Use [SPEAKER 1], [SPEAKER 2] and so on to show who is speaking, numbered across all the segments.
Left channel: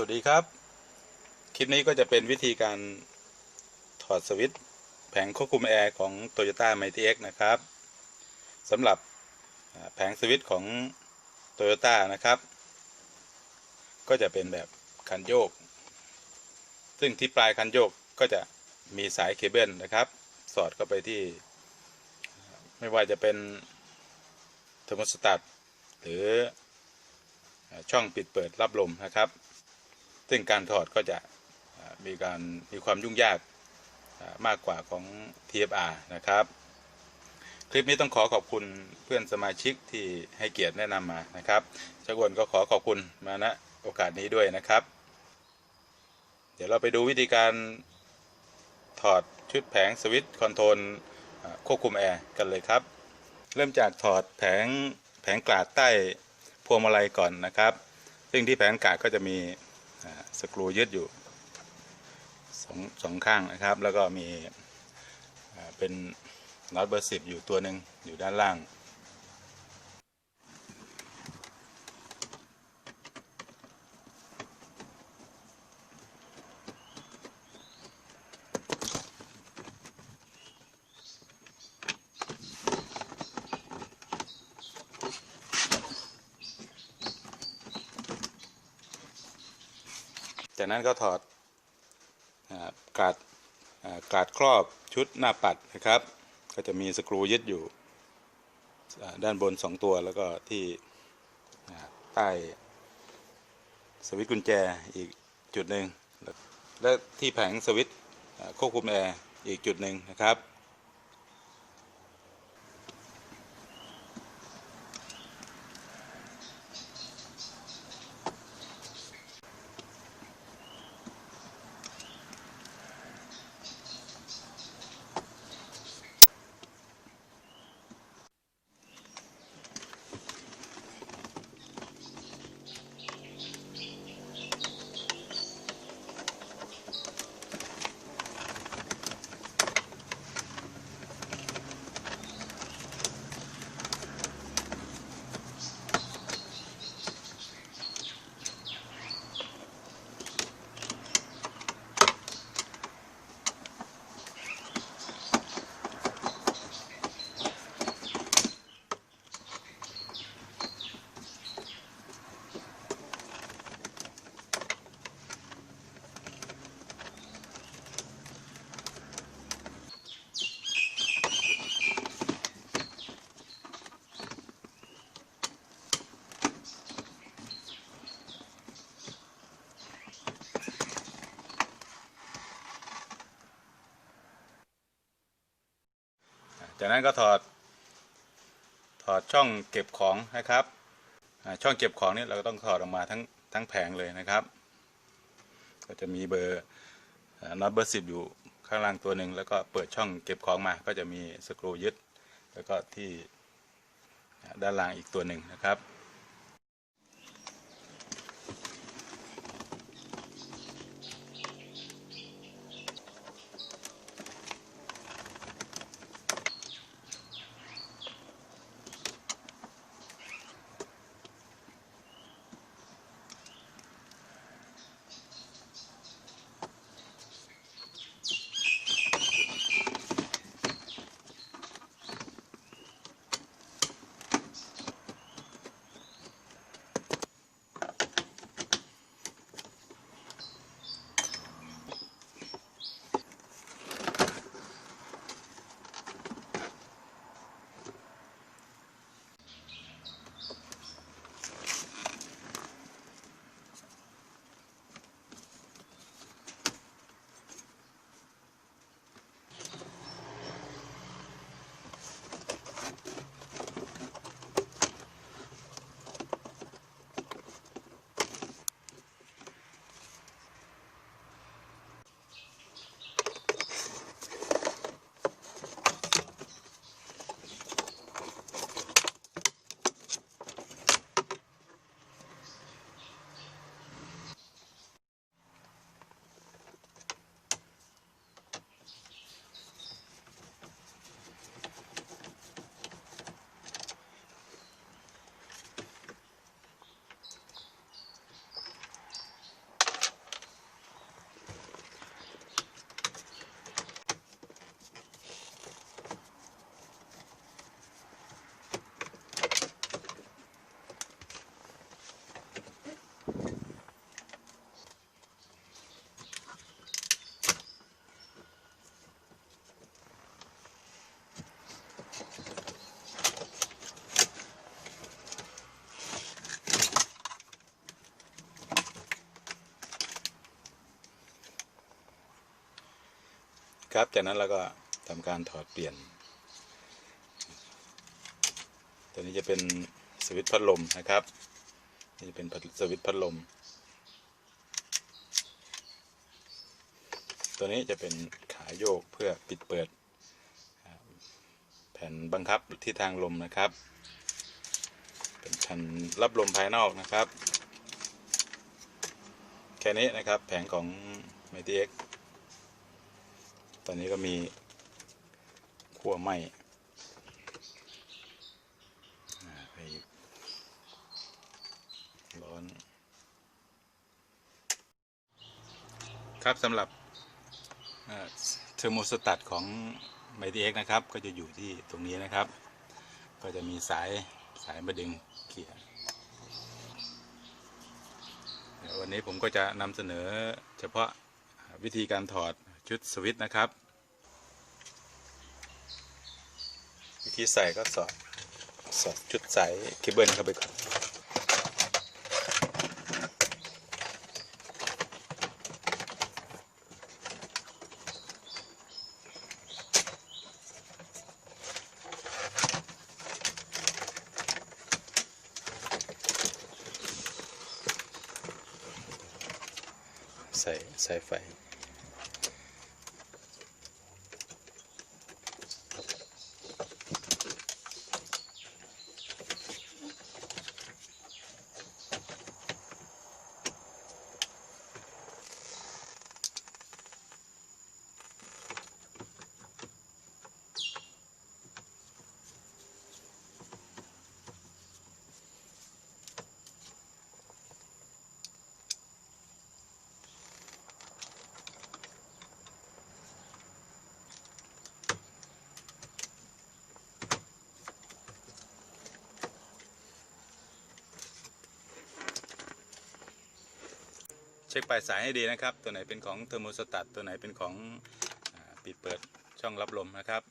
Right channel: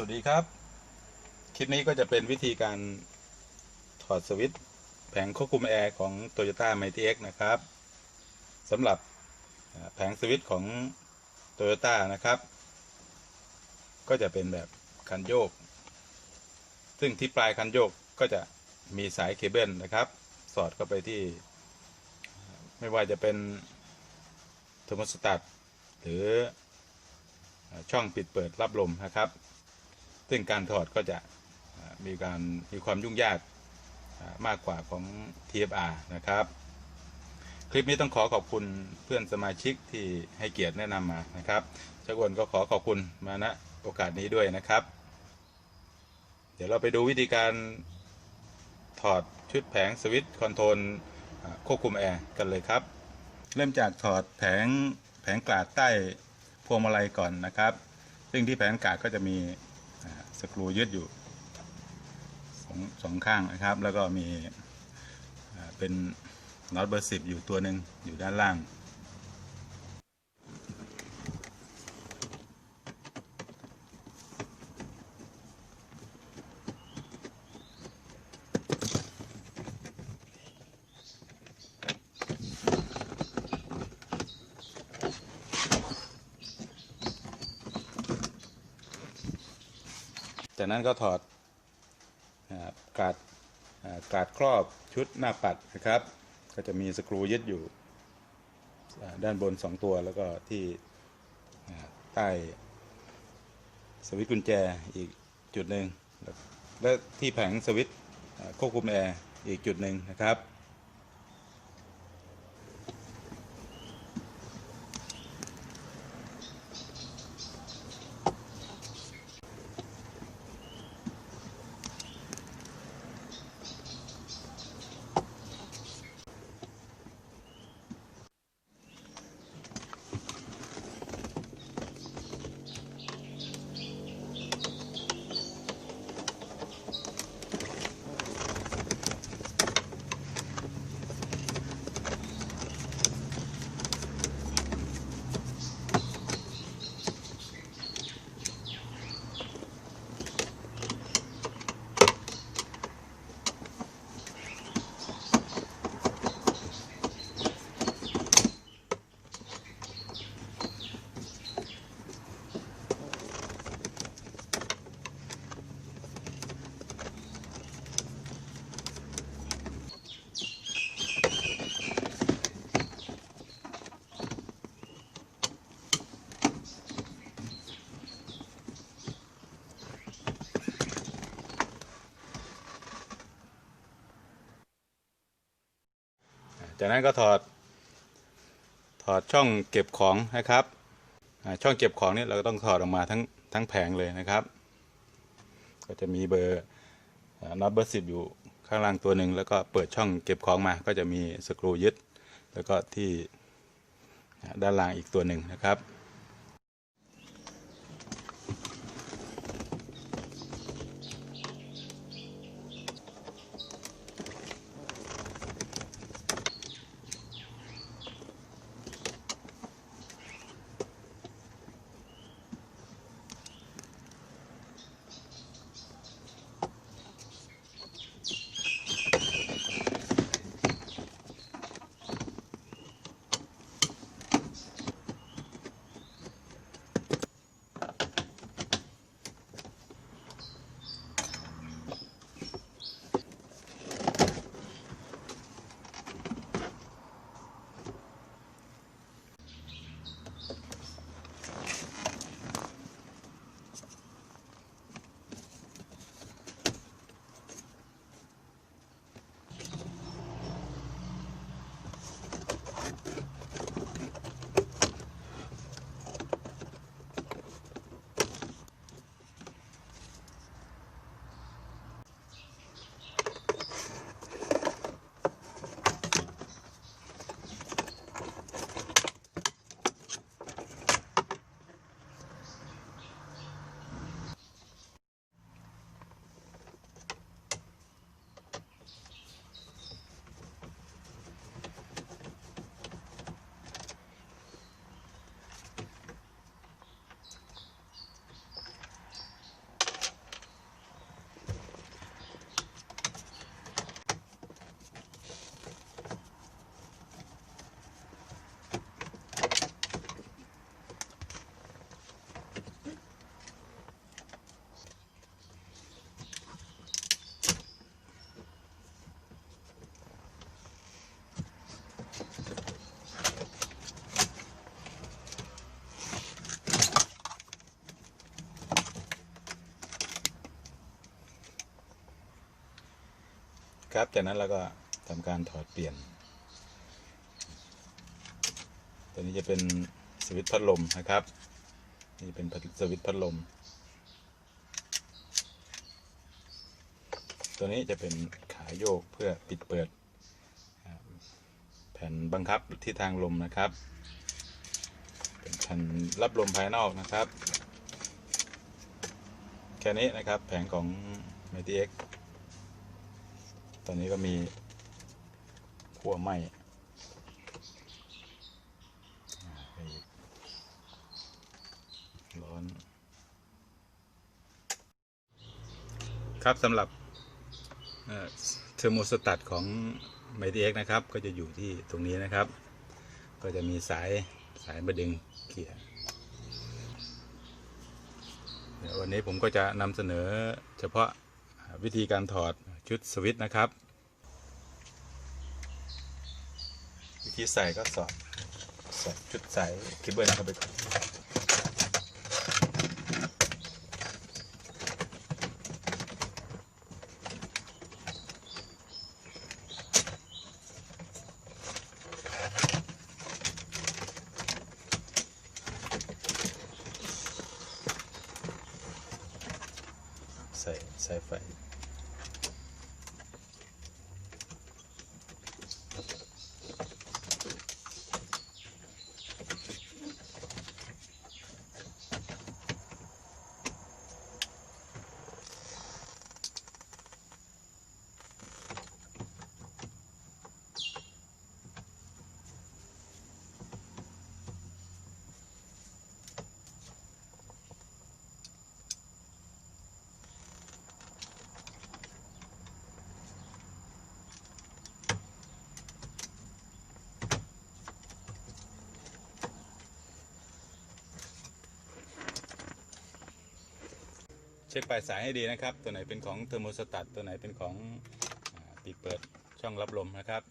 [SPEAKER 1] สวัสดีครับ คลิปนี้ก็จะเป็นวิธีการถอดสวิตช์แผงควบคุมแอร์ของ Toyota Mighty X นะครับสำหรับแผงสวิตช์ของ Toyota นะครับ ก็จะเป็นแบบคันโยก ซึ่งที่ปลายคันโยกก็จะมีสายเคเบิลนะครับ สอดเข้าไปที่ ไม่ว่าจะเป็นเทอร์โมสตัตหรือช่องปิดเปิดรับลมนะครับ ซึ่งการถอดก็จะมีการมีความยุ่งยากมากกว่าของ TFR นะครับ คลิปนี้ต้องขอขอบคุณเพื่อนสมาชิกที่ให้เกียรติแนะนำมานะครับชักวนก็ขอขอบคุณมาณโอกาสนี้ด้วยนะครับ เดี๋ยวเราไปดูวิธีการถอดชุดแผงสวิตช์คอนโทรลควบคุมแอร์กันเลยครับ เริ่มจากถอดแผงแผงกลาดใต้พวงมาลัยก่อนนะครับ ซึ่งที่แผงกลาดก็จะมี สกรูยึดอยู่สองสองข้างนะครับ แล้วก็มีเป็นน็อตเบอร์สิบอยู่ตัวหนึ่งอยู่ด้านล่าง จากนั้นก็ถอดอกาดกาดครอบชุดหน้าปัดนะครับ ก็จะมีสกรูยึดอยู่ด้านบน 2 ตัวแล้วก็ที่ใต้สวิตช์กุญแจอีกจุดหนึ่งและที่แผงสวิตช์ควบคุมแอร์อีกจุดหนึ่งนะครับ จากนั้นก็ถอด ถอดช่องเก็บของนะครับ ช่องเก็บของนี่เราก็ต้องถอดออกมาทั้งทั้งแผงเลยนะครับ ก็จะมีเบอร์น็อตเบอร์สิบอยู่ข้างล่างตัวหนึ่งแล้วก็เปิดช่องเก็บของมา ก็จะมีสกรูยึด แล้วก็ที่ด้านล่างอีกตัวหนึ่งนะครับ ครับ จากนั้นเราก็ทำการถอดเปลี่ยน ตัวนี้จะเป็นสวิตช์พัดลมนะครับ นี่เป็นสวิตช์พัดลม ตัวนี้จะเป็นขาโยกเพื่อปิดเปิด แผ่นบังคับที่ทางลมนะครับ เป็นแผ่นรับลมภายนอกนะครับ แค่นี้นะครับแผงของ m i t x ตอนนี้ก็มีขั้วไหมร้อน ครับสำหรับเทอร์โมสตัตของ m i t x นะครับ ก็จะอยู่ที่ตรงนี้นะครับ ก็จะมีสายสายมาดึงเกียร์เดี๋ยววันนี้ผมก็จะนำเสนอเฉพาะวิธีการถอด ชุดสวิตช์นะครับวิธีใส่ก็สอดสอดชุดใสายเคเบิลเข้าไปก่อนใส่สายไฟ เช็คปลายสายให้ดีนะครับ ตัวไหนเป็นของเทอร์โมสตัตตัวไหนเป็นของอปิดเปิดช่องรับลมนะครับ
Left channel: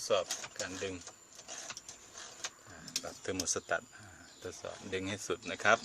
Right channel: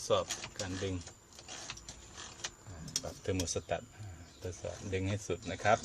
[SPEAKER 1] ดสอบการดึงแบบเทอร์โมสตัตททดสอบดึงให้สุดนะครับ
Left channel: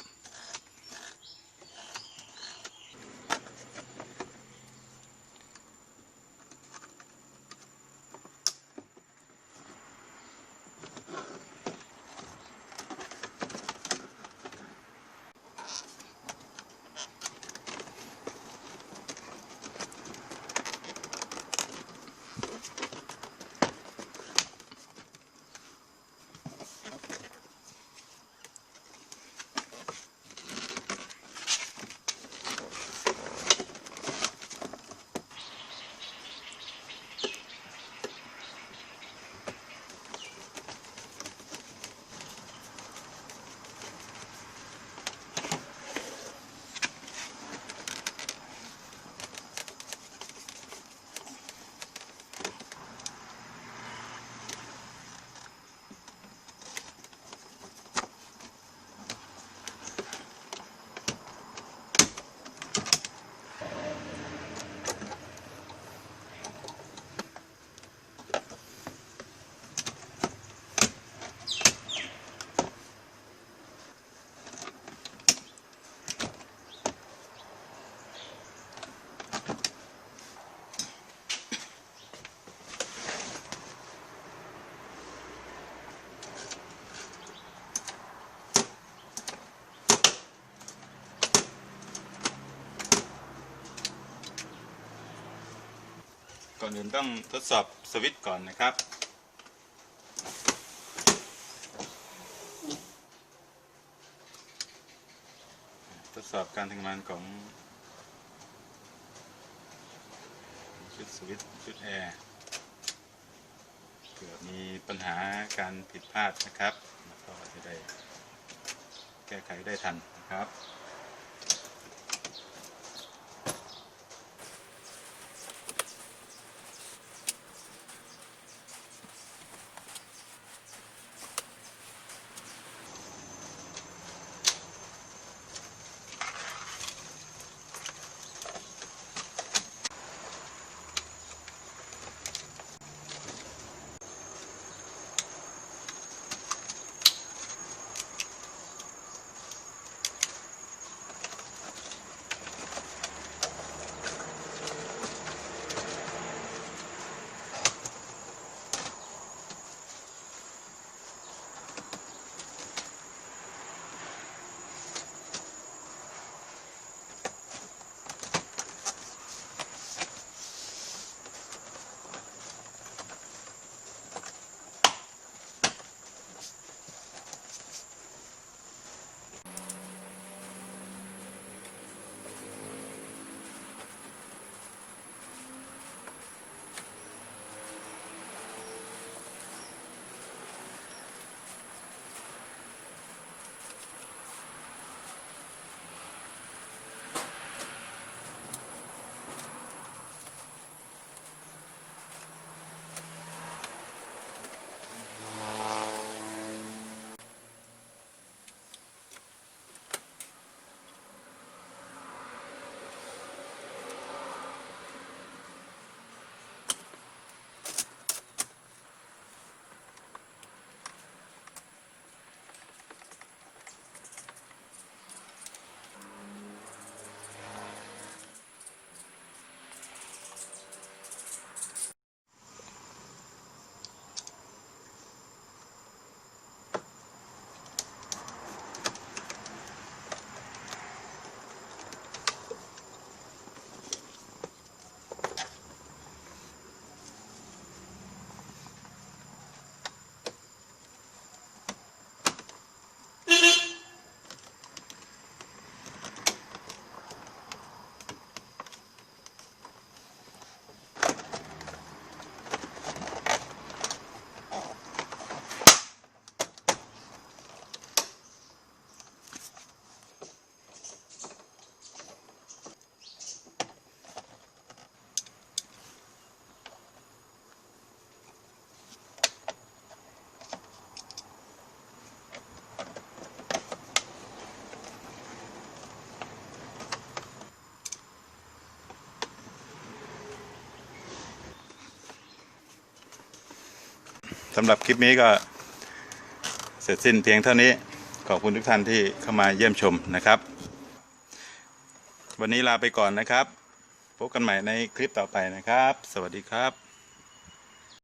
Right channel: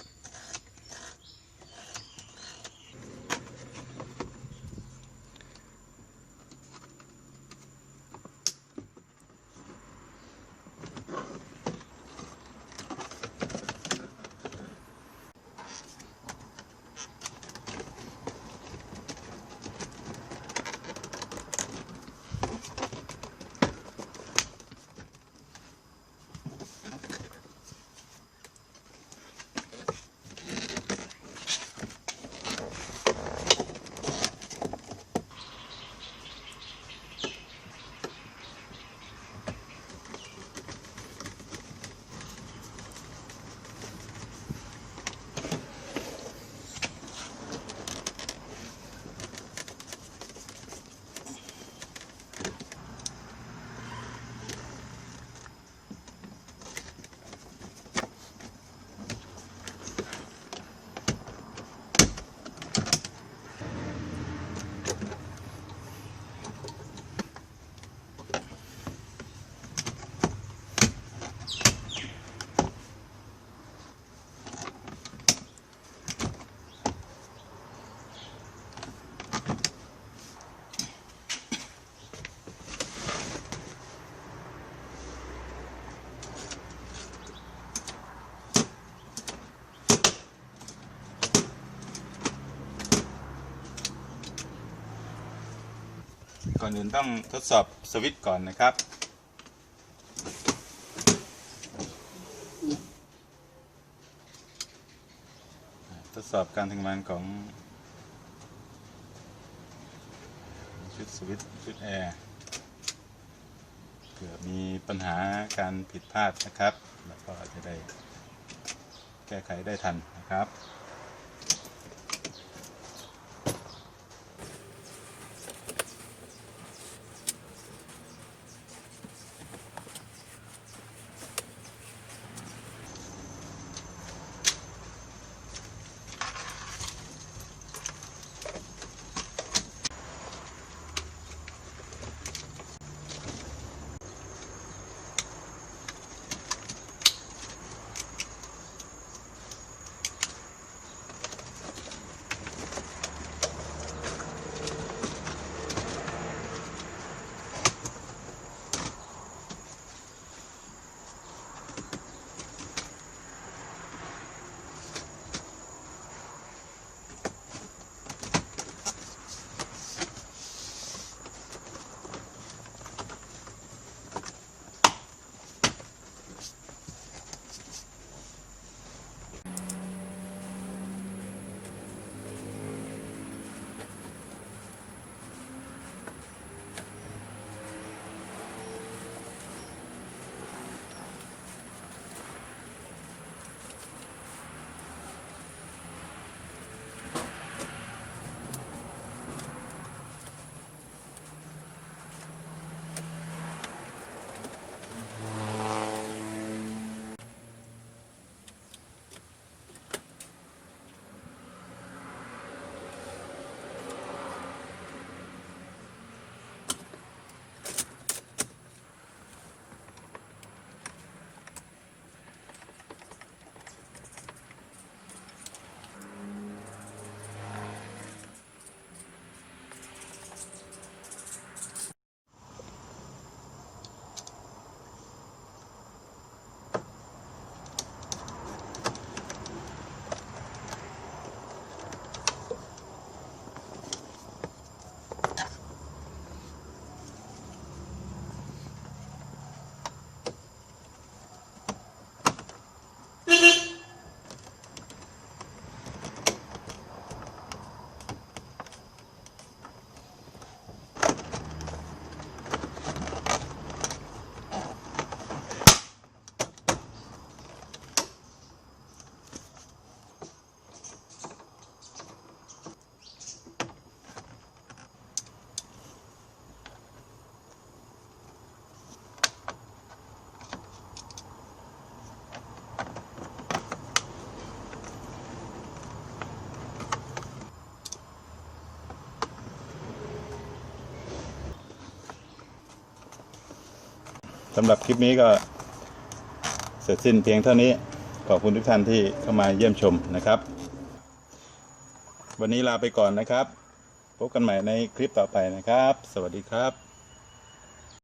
[SPEAKER 1] ก่อนอื่นต้องทดสอบสวิตช์ก่อนนะครับ ทดสอบการทำงานของชุดสวิตช์ชุดแอร์เกิดมีปัญหาการผิดพลาดนะครับ แล้วก็จะได้แก้ไขได้ทันนะครับ สำหรับคลิปนี้ก็เสร็จสิ้นเพียงเท่านี้ ขอบคุณทุกท่านที่เข้ามาเยี่ยมชมนะครับ วันนี้ลาไปก่อนนะครับ พบกันใหม่ในคลิปต่อไปนะครับ สวัสดีครับ